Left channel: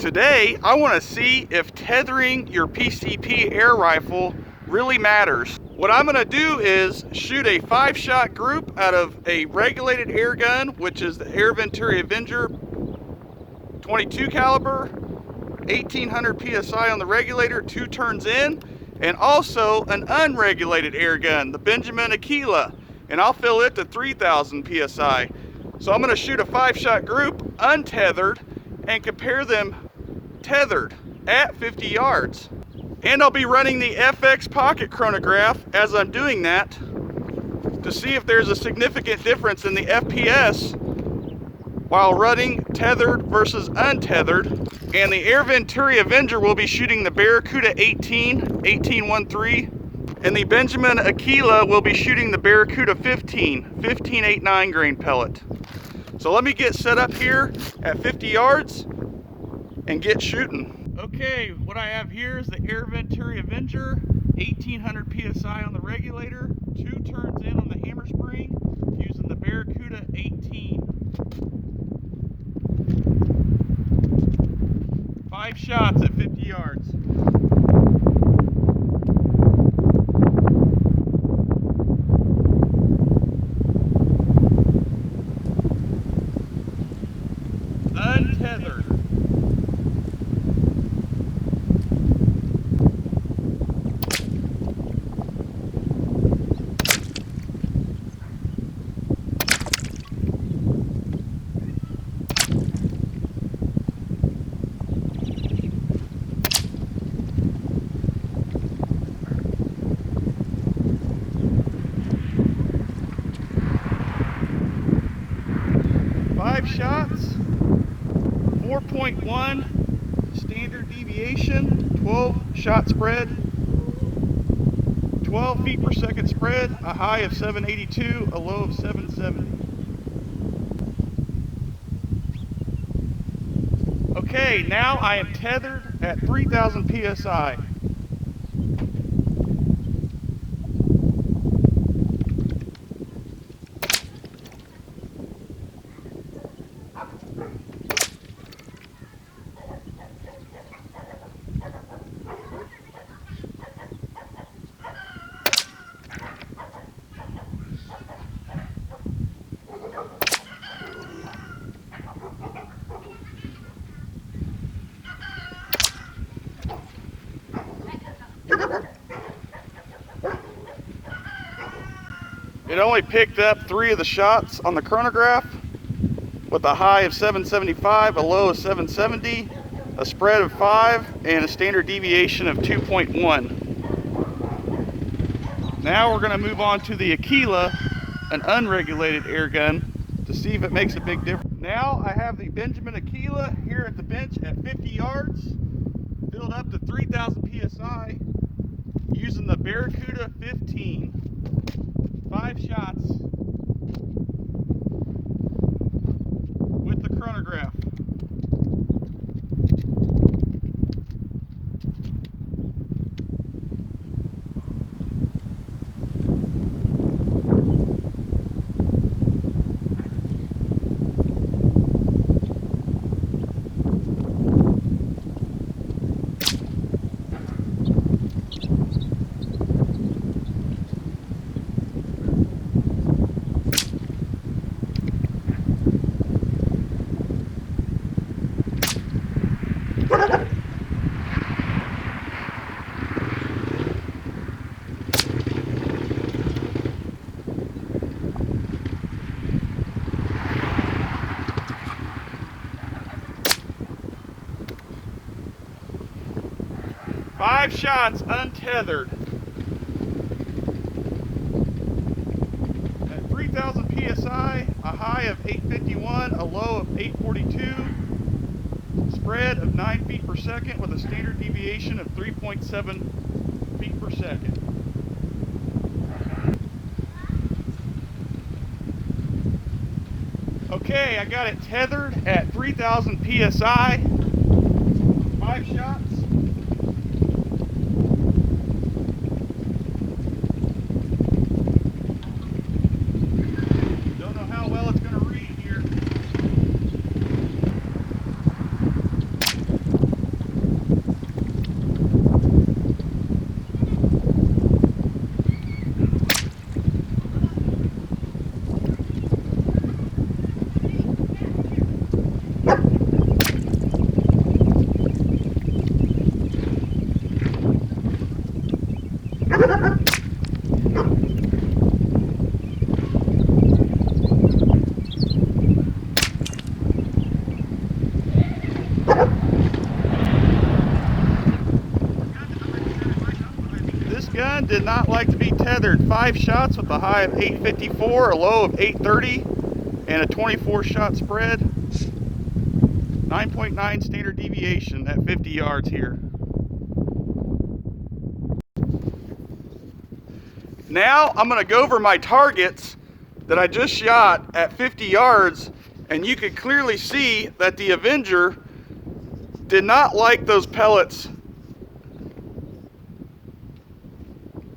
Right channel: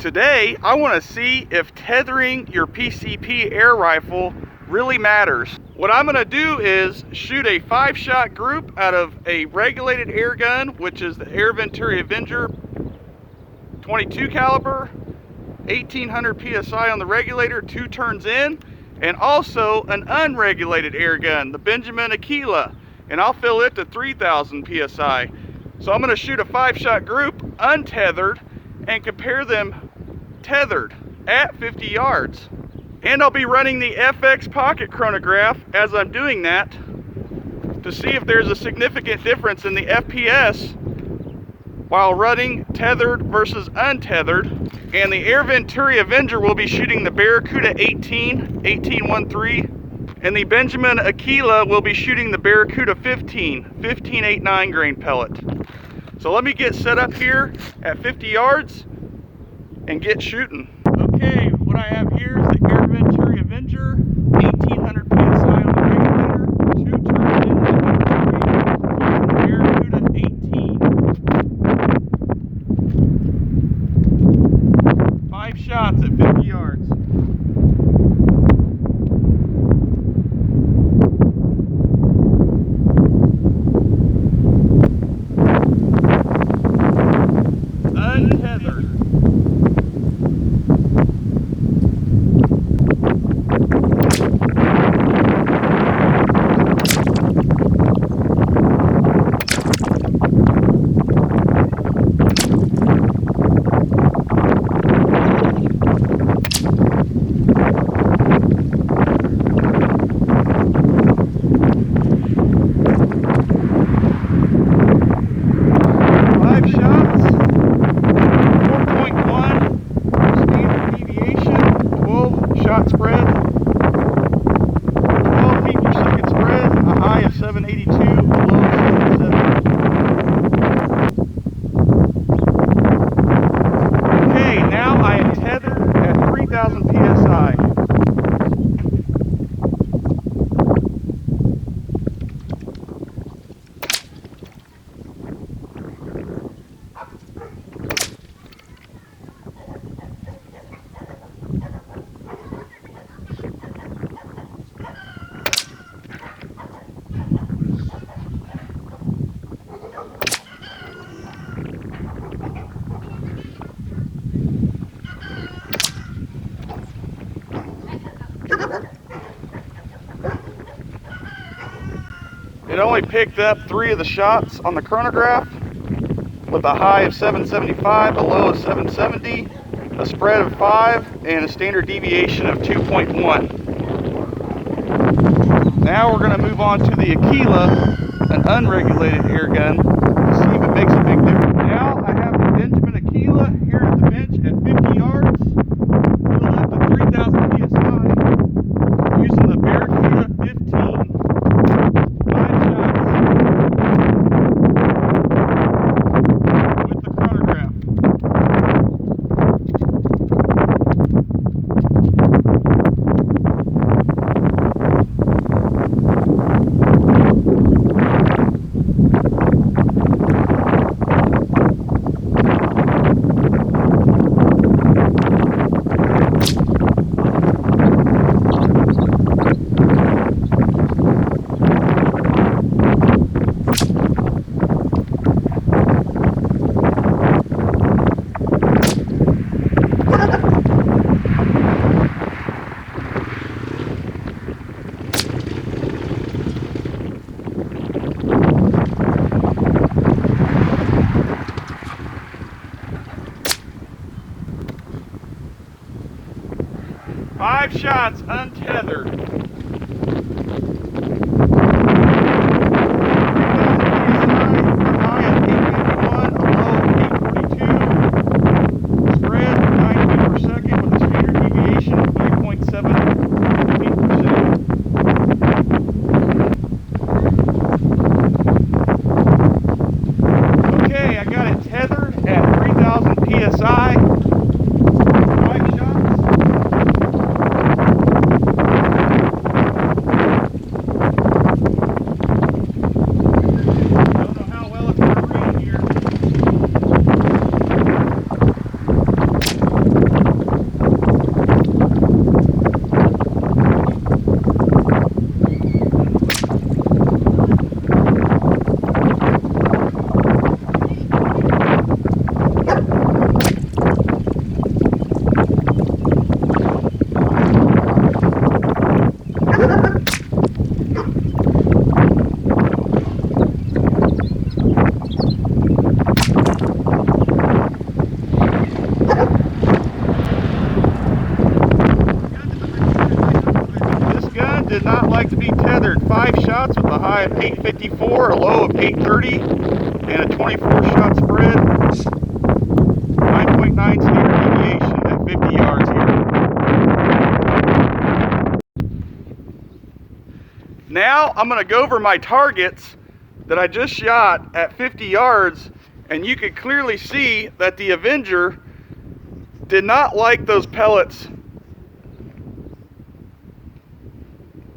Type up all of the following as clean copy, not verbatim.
Today, I want to see if tethering your PCP air rifle really matters. What I'm going to do is shoot a 5-shot group out of a regulated air gun, which is the Air Venturi Avenger 22 caliber, 1800 PSI on the regulator, 2 turns in, and also an unregulated air gun, the Benjamin Aquila, and I'll fill it to 3000 PSI. So I'm going to shoot a 5-shot group untethered and compare them tethered at 50 yards. And I'll be running the FX pocket chronograph as I'm doing that to see if there's a significant difference in the FPS while running tethered versus untethered. And the Air Venturi Avenger will be shooting the Barracuda 18-13, and the Benjamin Aquila will be shooting the Barracuda 15-8.9 grain pellet. So let me get set up here at 50 yards and get shooting. Okay, what I have here is the Air Venturi Avenger, 1800 PSI on the regulator, 2 turns into the hammer screen, using the Barracuda 18. 5 shots at 50 yards. Untethered. Shot spread, 12 feet per second spread, a high of 782, a low of 770. Okay, now I am tethered at 3000 PSI. It only picked up 3 of the shots on the chronograph with a high of 775, a low of 770, a spread of 5, and a standard deviation of 2.1. Now we're going to move on to the Aquila, an unregulated air gun, to see if it makes a big difference. Now I have the Benjamin Aquila here at the bench at 50 yards, filled up to 3000 PSI, using the Barracuda 15. 5 shots with the chronograph. Five shots untethered. 3000 PSI, a high of 851, a low of 842. Spread 9 feet per second with a standard deviation of 3.7 feet per second. Okay, I got it tethered at 3000 PSI. 5 shots. did not like to be tethered. 5 shots with a high of 854, a low of 830, and a 24 shot spread. 9.9 standard deviation at 50 yards here. Now I'm going to go over my targets that I just shot at 50 yards, and you can clearly see that the Avenger did not like those pellets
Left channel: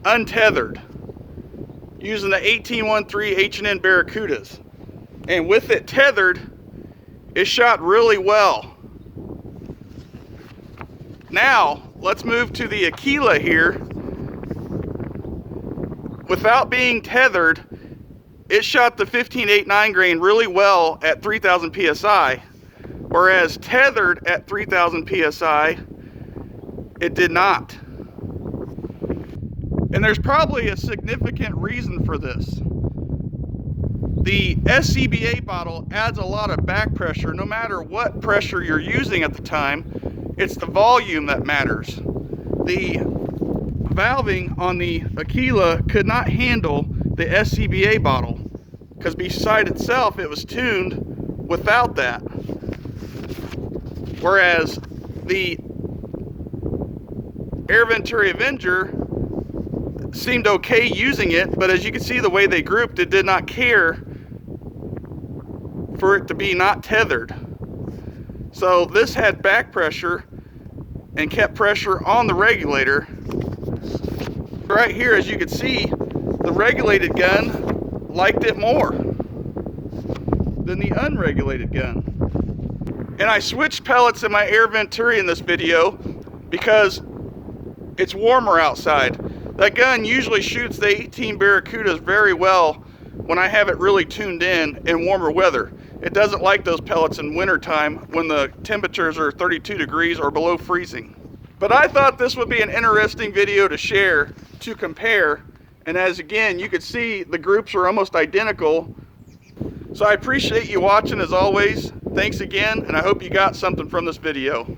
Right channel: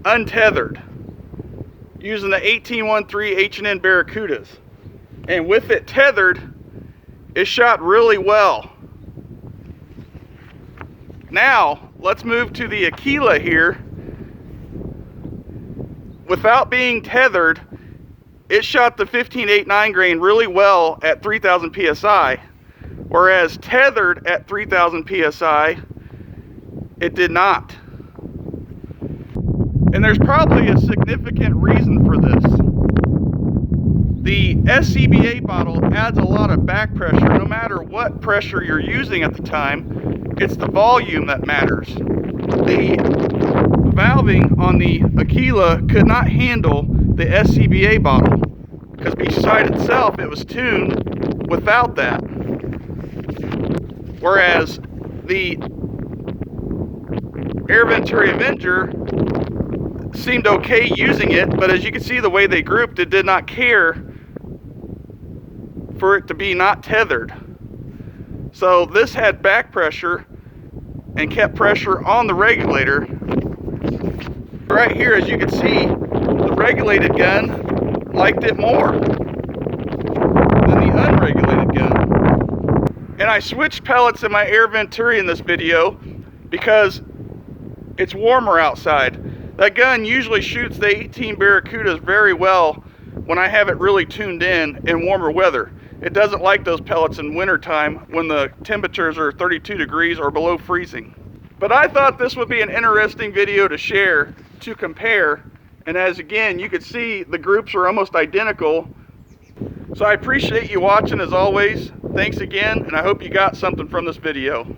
untethered using the 1813 H&N Barracudas, and with it tethered it shot really well. Now let's move to the Aquila here. Without being tethered, it shot the 15.89 grain really well at 3000 psi, whereas tethered at 3000 psi it did not. And there's probably a significant reason for this. The SCBA bottle adds a lot of back pressure. No matter what pressure you're using at the time, it's the volume that matters. The valving on the Aquila could not handle the SCBA bottle because beside itself it was tuned without that. Whereas the Air Venturi Avenger seemed okay using it, but as you can see the way they grouped, it did not care for it to be not tethered. So this had back pressure and kept pressure on the regulator. Right here, as you can see, the regulated gun liked it more than the unregulated gun. And I switched pellets in my Air Venturi in this video because it's warmer outside. That gun usually shoots the 18 Barracudas very well when I have it really tuned in warmer weather. It doesn't like those pellets in wintertime when the temperatures are 32 degrees or below freezing. But I thought this would be an interesting video to share, to compare, and as again you can see the groups are almost identical. So I appreciate you watching as always. Thanks again, and I hope you got something from this video.